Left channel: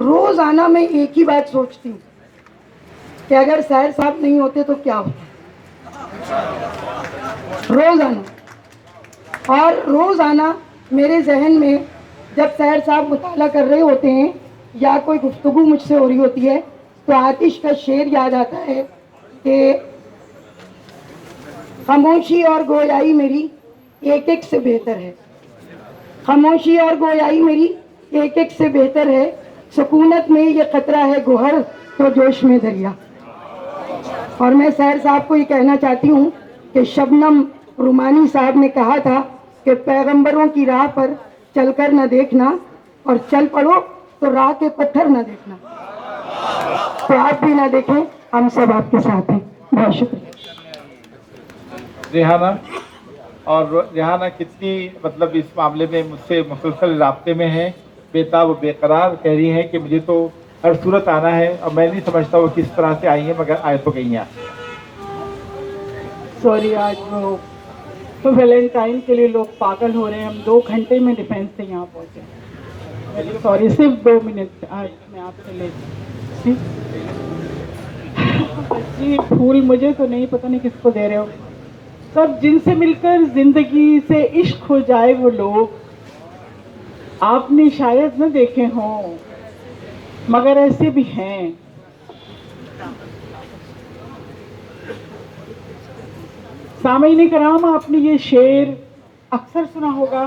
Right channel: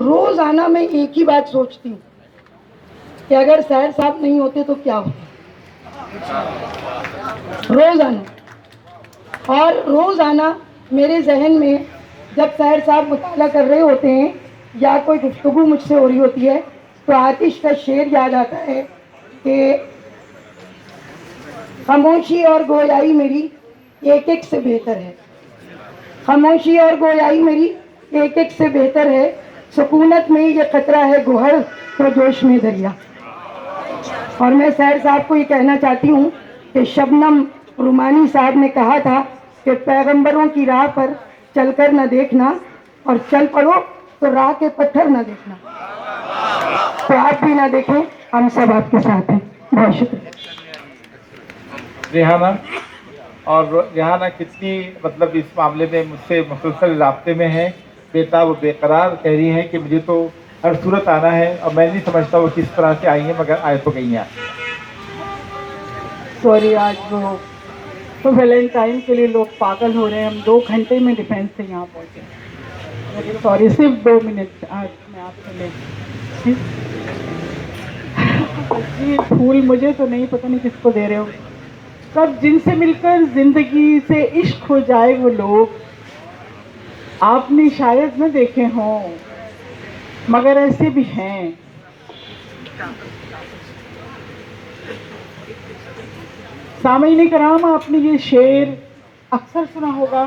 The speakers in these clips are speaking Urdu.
روزانہ میں ایک ہی بات سوچتی ہوں کہ اگر سیر صاحب نہیں ہوتے تو کیا ہوتا. روزانہ اور روزانہ میرے ذہن میں جب سیر صاحب مطالعہ کر رہے ہوتے ہیں یا کوئی گفتگو مجھ سے ہو رہی ہوتی ہے تو آتش کا شعر یاد آتا ہے کہ خاموشی اور گویائی میری ایک ایک سے بہتر ہے. خاموشی اور گویائی میری ایک ایک سے بہتر ہے. سکونت میں یہ خطرہ ہے گوہر تو جوش میں دریا. اور میں سیر صاحب کو یہ کہنا چاہتی ہوں کہ شبنم رومانی صاحب نے کہا تھا کہ پیغمبروں کی راہ پر چل کر نہ دیکھنا اور چل پڑو تو راہ کے پتھر نہ دیکھنا. تو آپ بھی نہ دیکھیں, ہم سب آپ کے ساتھ ہیں. بہت شکریہ. ریحانہ, اور ریحانہ کتنی مطلب اس معاملے میں مجھ سے مسلسل رابطے میں ہے, بےتاب و بے قرار کہہ رہی ہے کہ مجھے تو ہر صورت آنا ہے, اور میں نہیں سمجھتا وہ کس طرح سے آئی ہیں, مگر آئے تو گئی ہیں. سوری, آج وہ تو ویلنٹائن کے لیے لوگ پاگل ہو رہے ہیں. ہم 2 گھنٹے میں ڈیفینس سے یہاں پہنچے. سوری, صرف 2 منٹ آج میں آپ سے لے. جی, پھول مجھے تو نہیں, پتہ نہیں کس کو دے رہے ہو. سب جن سے مل کر زندگی سے عشق ہو جائے وہ لوگ آپ نے شاید نہ دیکھے ہوں, مگر ایسے بھی ہیں. سامعین کرام, آپ نے یہ شعر اکثر سنا ہوگا.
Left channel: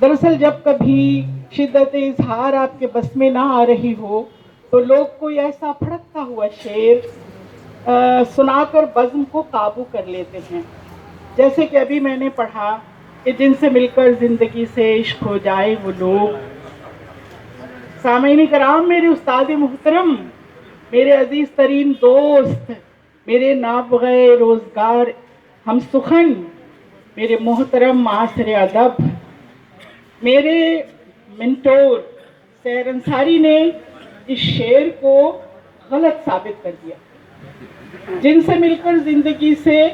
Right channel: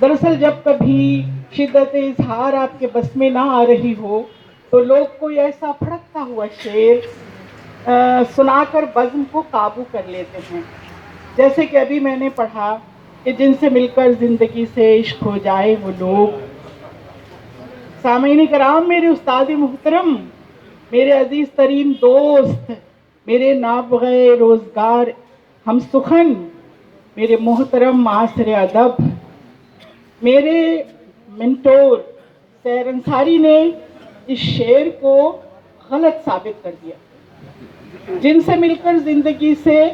دراصل جب کبھی شدت اظہار آپ کے بس میں نہ آ رہی ہو تو لوگ کوئی ایسا پھڑکتا ہوا شعر سنا کر بزم کو قابو کر لیتے ہیں. جیسے کہ ابھی میں نے پڑھا کہ جن سے مل کر زندگی سے عشق ہو جائے وہ لوگ. سامعین کرام, میرے استاد محترم, میرے عزیز ترین دوست, میرے نابغہ روزگار ہم سخن, میرے محترم معاصر ادب, میرے منٹور سحر انصاری نے اس شعر کو غلط ثابت کر دیا. جن سے مل کر زندگی سے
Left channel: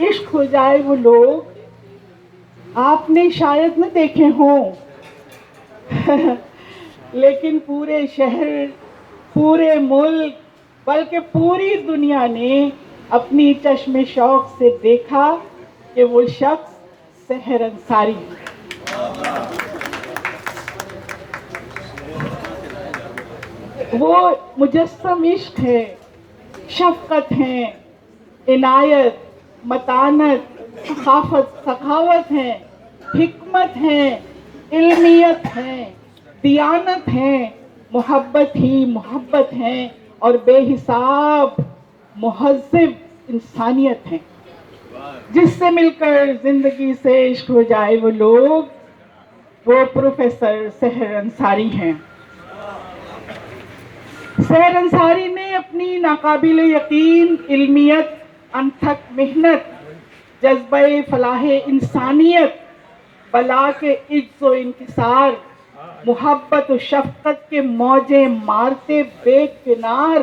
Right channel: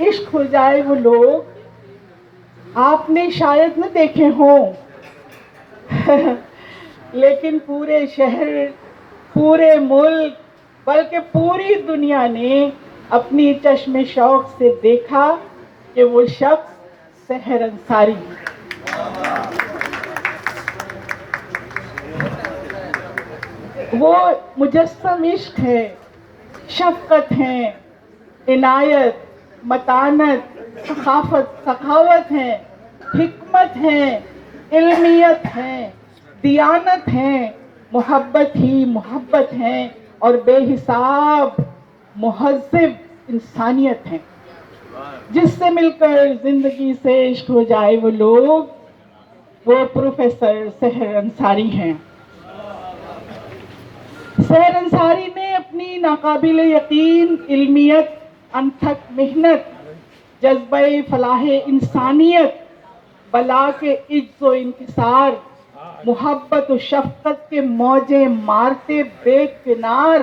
عشق ہو جائے وہ لوگ آپ نے شاید نہ دیکھے ہوں, لیکن پورے شہر, پورے ملک, بلکہ پوری دنیا نے اپنی چشم شوق سے دیکھا کہ وہ شخص سحر انصاری. وہ مجسم عشق ہے, شفقت ہیں, عنایت, متانت, سخاوت ہیں, حکمت ہیں, علمیت ہیں, دیانت ہیں, محبت ہی محبت ہیں, اور بے حساب مہذب انسانیت ہیں. جس سے مل کر زندگی سے عشق ہو جائے وہ لوگ وہ پروفیسر سحر انصاری ہیں. سحر انصاری نے اپنی ناقابل یقین علمیت, انتھک محنت, جذبہ فلاح انسانیت, بلا کے عجز و انکسار, محبت و شفقت کے موجیں مارتے بے کنار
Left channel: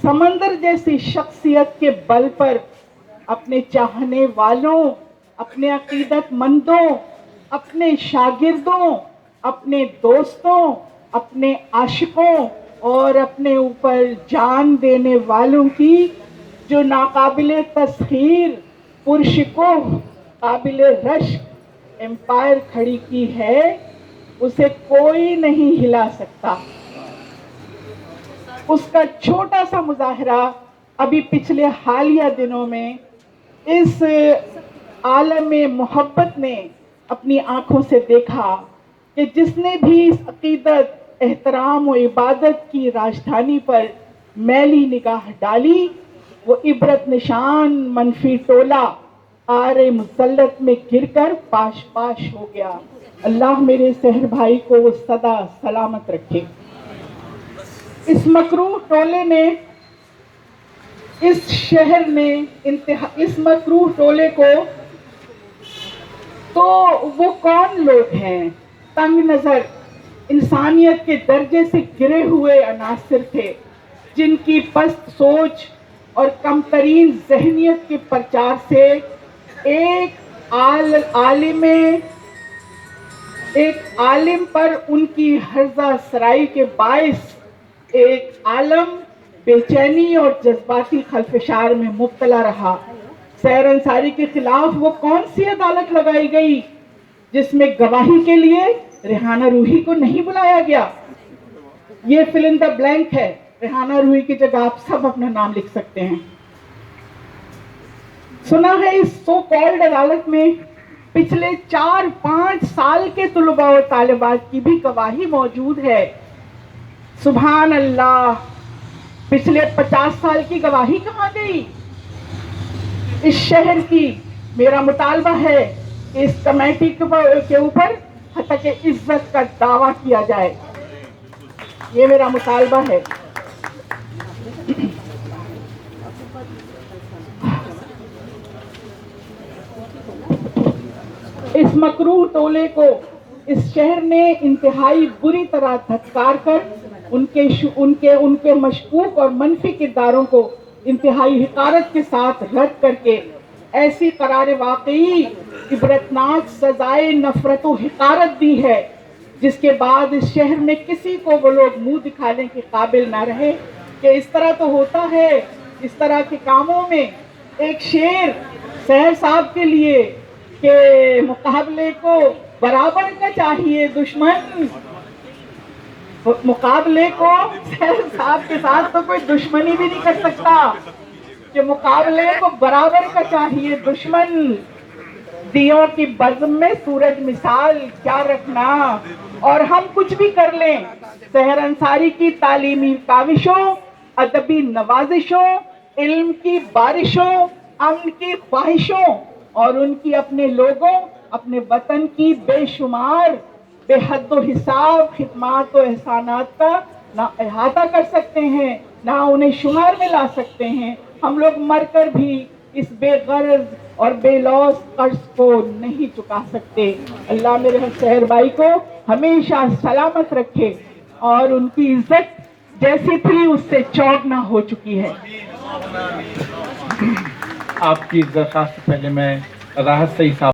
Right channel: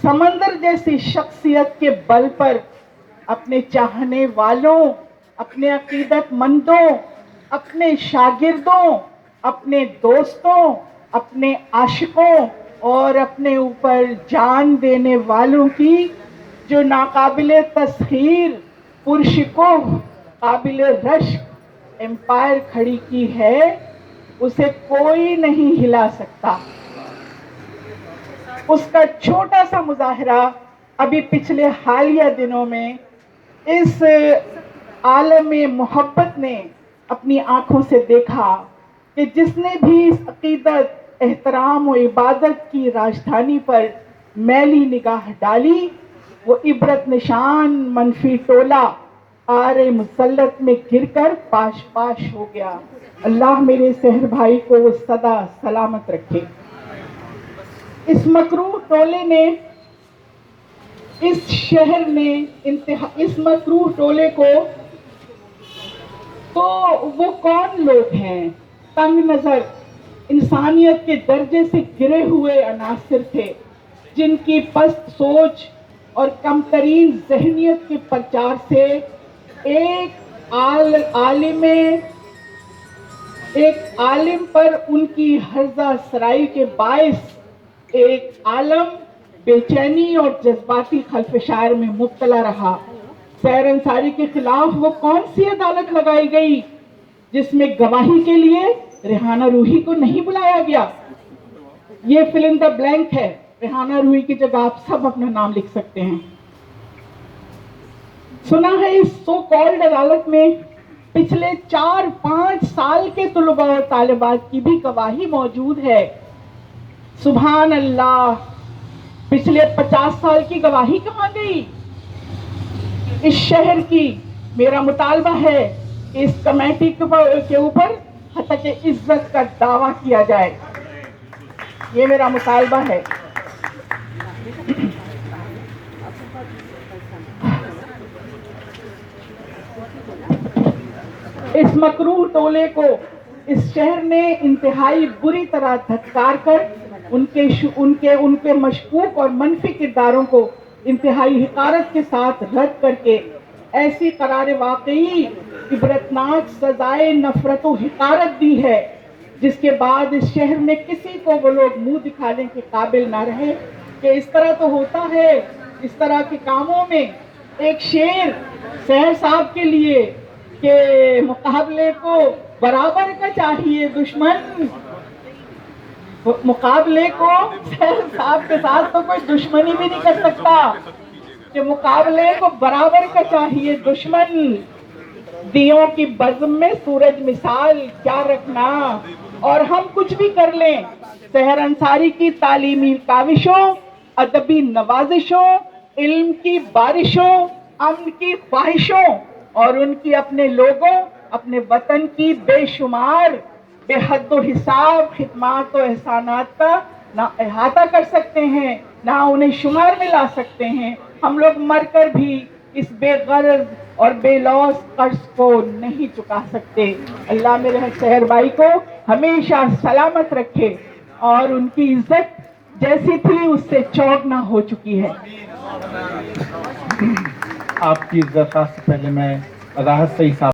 سمندر جیسی شخصیت کے بل پر اپنے چاہنے والوں, اپنے عقیدت مندوں, اپنے شاگردوں, اپنے دوستوں, اپنے عاشقوں اور اپنے اوپر جان دینے والوں کی جو ناقابل تسخیر, پرشکوہ, قابل رشک امپائر کھڑی کی ہے, اسے کوئی نہیں ہلا سکتا. اس کا چھوٹا سا مظاہرہ ابھی پچھلے حالیہ دنوں میں اس عالم محبت نے اپنی آنکھوں سے دیکھا کہ جس نے بھی اس عقیدت, احترام و عبادت کی راجدھانی پر میلی نگاہ ڈالی وہ عبرت نشان منفی ٹولہ آر مسلط میں گر کر پاش پاش ہو گیا. اللہ میرے سحر بھائی کو سدا سلامت رکھے. اس مکروہ ٹولے نے, اس شہر نے اس مکروہ ٹولے کو, تو وہ کون لوگ ہیں؟ تنگ نظر, انسانیت کے درجے سے گرے ہوئے عناصر تھے جن کی پست سوچ اور کم ترین ذہنیت کے پرچار سے ایک عالم ایک عالم پر ان کی ہرزہ سرائی کے باعث ایک عالم بے چینی اور جذباتی خلفشار میں مبتلا رہا۔ سحر انصاری کے خلاف وہ کون سی عدالت لگائی گئی جس میں گواہی کے لیے ریحانہ روحی کو نہیں بلایا گیا؟ یہ فل ان دا بلینک ہے، ریحانہ روحی کی جگہ آپ سب اپنا نام لکھ سکتے ہیں۔ سنا ہے اس سو کالڈ عدالت میں پچھلے 4-5 سال کے طلباء اور طالبات کی بھی گواہی موجود ہے۔ سبحان اللہ، پچھلے 50 سال کی گواہی کہاں گئی؟ اس شہر کی میرا مطالبہ ہے کہ اس کمیٹی کے اوپر حق عزت کا دعویٰ کیا جائے، یہ میرا مطالبہ ہے۔ اس مکروہ ٹولے کو اس شہر نے انتہائی بری طرح دھتکار کر ان کے مشکوک اور منفی کرداروں کو انتہائی حقارت کے ساتھ رد کر کے ایسی قرار واقعی عبرتناک سزائے نفرت و حقارت دی ہے جس کے بعد اس شہر میں کسی کو وہ لوگ منہ دکھانے کے قابل نہ رہے کہ اس طرح تو ہوتا ہے۔ اس طرح کے کاموں میں ایک شعر سحر صاحب کے لیے کہ مقابلے کو برابر کا چاہیے دشمن، مقابلے کو سحر صاحب کے ساتھ تو کوئی دشمنی بھی نہیں کر سکتا کہ مقابلے کو برابر کا چاہیے دشمن، دیوں کی بزم میں سورج مثال کیا رکھنا، اور ہم کچھ بھی کر لیں سحر انصاری کی تعلیمی کاوشوں، ادبی نوازشوں، علم کی بارشوں، امن کی خواہشوں اور ان کی اپنے لوگوں، اپنے وطن کی بے شمار بے حد و حساب خدمات و احسانات کا نہ احاطہ کر سکتے ہیں، نہ انہیں شمار میں لا سکتے ہیں۔ ہم لوگ مر کر بھی اس بے غرض اور بے لوث قرض کو نہیں چکا سکتے۔ اللہ میرے سحر بھائی کو ہمیشہ سلامت رکھے اور ان کی عزت جیسی تھی اس سے چوگنا ہو چکی ہے۔ آپ کی درخواست سے پہلے میں راحت صحیح صاحب